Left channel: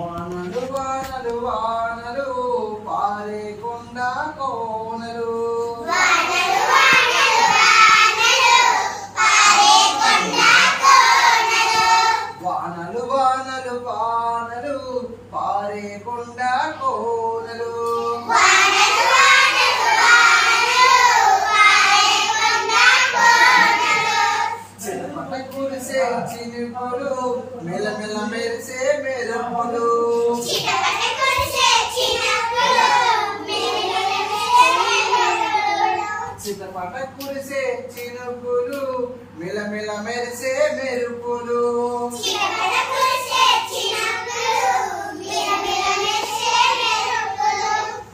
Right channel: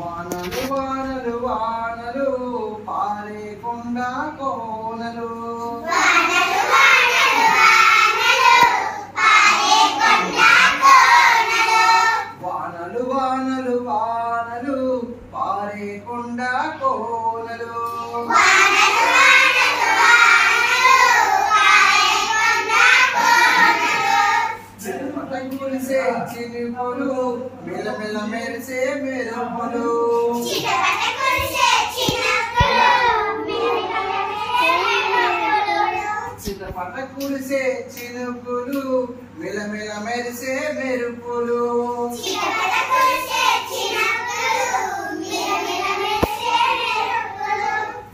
వానలు వానలు వానలు పారే కొండ కోనలు వానలు వానలు వానలు పారే కొండ కోనలు చిరుపట కురిసే చినుకులు మెలమెల మెరిసే మెరుపులు చిటపట కురిసే చినుకులు మెలమెల మెరిసే మెరుపులు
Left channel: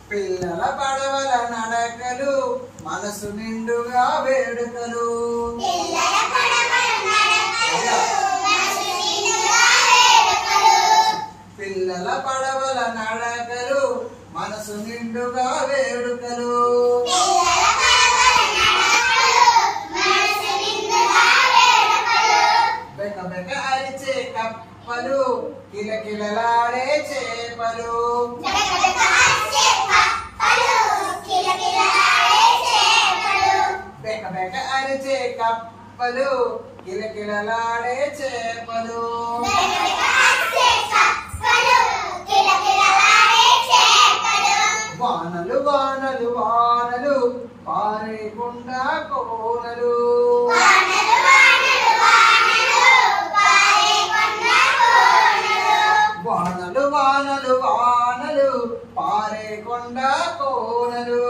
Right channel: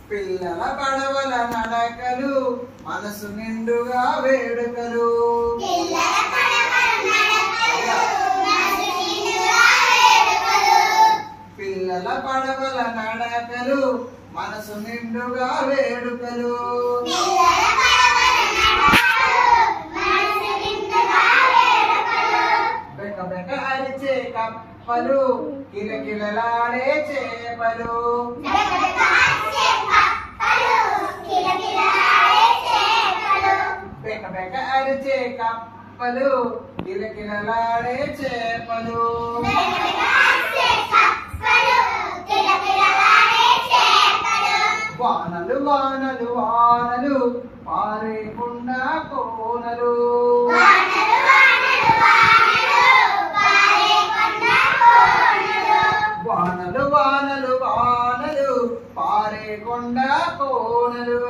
పిల్లల పడవల నడకలు మనసు నిండుగా వేడుకలు పిల్లల పడవల నడకలు మనసు నిండుగా వేడుకలు బెక బెక అరిచే కప్పలు కిలకిలలాడే చేపలు బెక బెక అరిచే కప్పలు కిలకిలలాడే చేపలు వానలు వానలు వానలు పారే కొండ కోనలు వానలు వానలు వానలు పారే కొండ కోనలు